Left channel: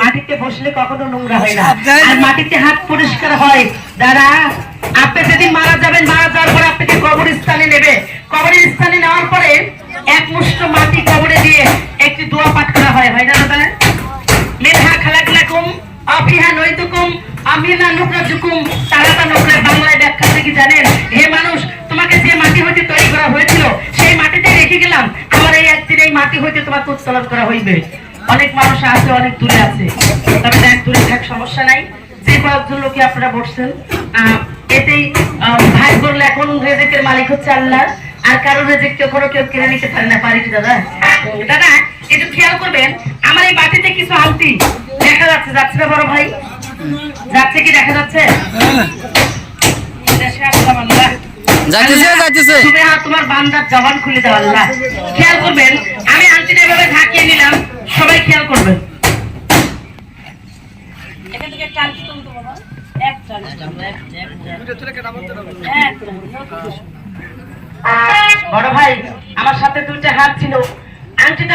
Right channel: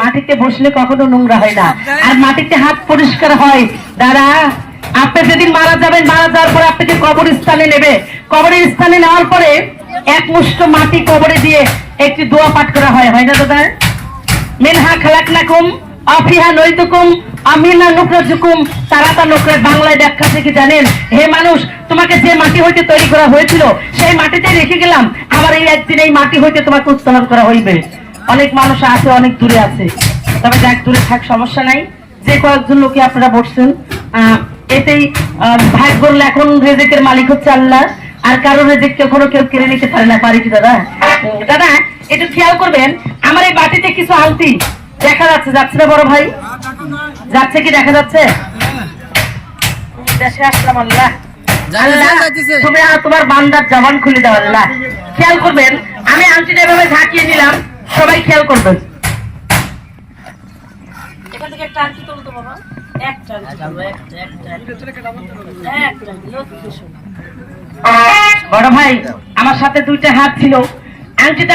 মাটিতে বসলে কখনো নোংরা হয় না। আর মাটিতে হাত পরিষ্কার হয়। দাদা আপনি যেদিন মারা যাবেন মারা যাওয়ার পরে আপনাকে কবরস্থানে নেবে? কবরস্থানে নেওয়ার পরে এক মুষ্ট মাটি কবরে দিয়ে একটি দোয়া পাঠ করা হয়। হয় না দাদা? মিনহা খালাকনাকুম আফিহা নৈতুকুম আমিনা নুকরাজুকুম। তারাতা নুকরা বাংলায় ব্যাখ্যা থেকে জানেন? হে মানুষ তোমাকে যে মাটি হইতে তৈরি করা হয়েছিল সেই মাটিতে রেখে গেলাম। আমার এই একদিন এই মাটি হইতে তোমাকে উত্তোলন করা হইবে। অনেক মানুষ আছে অনেক দূরে আছে। তবে দেখ দূরে থাক সমস্যা নাই। যে কয়েকজন লোকে আপনারা বসছেন এতেই ভাগ করলে এখন রেজেকের মালিক হচ্ছে আল্লাহ। আর কারও রেজেক কখনো কেউ কিনে নিতে পারে না পারে কি দাদা? দাদা একটু খেয়াল করবেন আমার এই বাটিতে কিছু আলতি দেখা যাচ্ছে যাচ্ছে না বড় ভাই? যাচ্ছে কি দেখা যাচ্ছে? তোমার বান্দার জবান খুলে দাও আল্লাহ। খেয়াল করবেন আমি এখান থেকে একটা আলতি তুলো তো বাবা। একটা, একটা, একটা। বড় ভাই আমার সাথে দুইটা হাত ছিল। আংটিটা